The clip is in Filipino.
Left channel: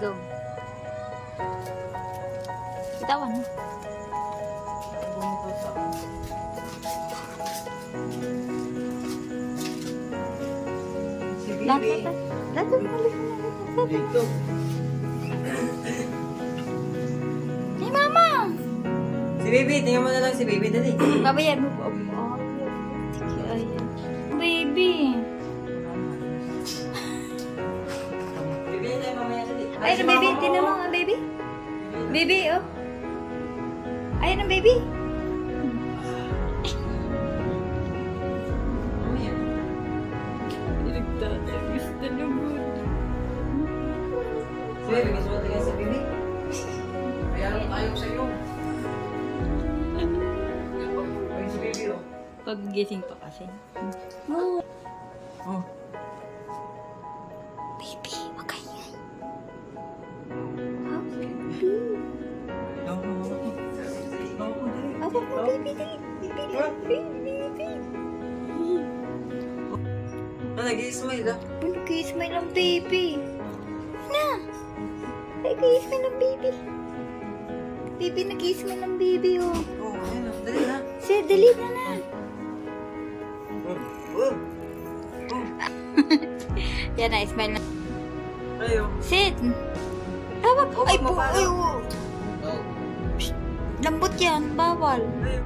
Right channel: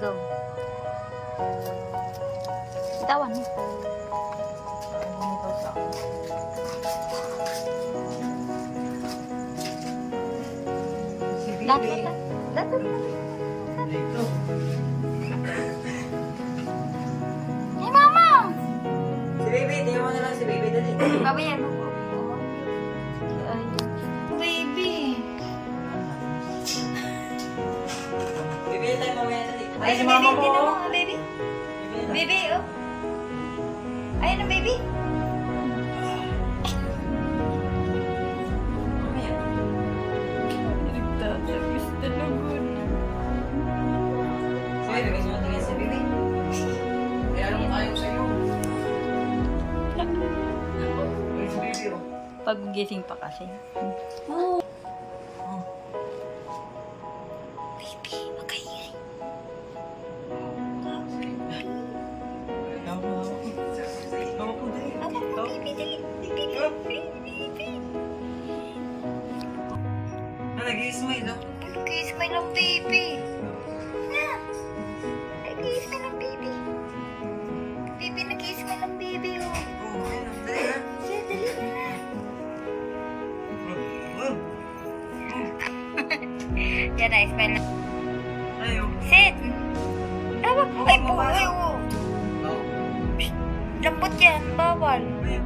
Go. Bitawan mo. Dito. Si Mama! Si Baby, tingnan mo na lang si Baby. Dali. Babayan mo po. Baby. Baby, tayo mamaya dali. Ay, ang baby. Tingnan mo ang baby. Baby, oh. Ayan ang baby. Mamaya. Nagtatagis na lugod. Si Baby, gusto mo tingnan si Baby? Kaya naman tayo sa'yo. Ay, si Baby, oh. Pag-gising pa kasi. Oh. Baby, makaingay. Apa po, baby, dali. Baby. Nag-i-smile, oh. Nag-i-smile ang baby. Na. Nag-i-smile ang baby. Baby, nag-i-smile ang baby, oh. Oh, ayun, dali ha. Sige, dali na na. Yan na, smile na. Ayaw. Sit. Ay, po. Ay, oh. Lambot yan. Bawal. Ayaw.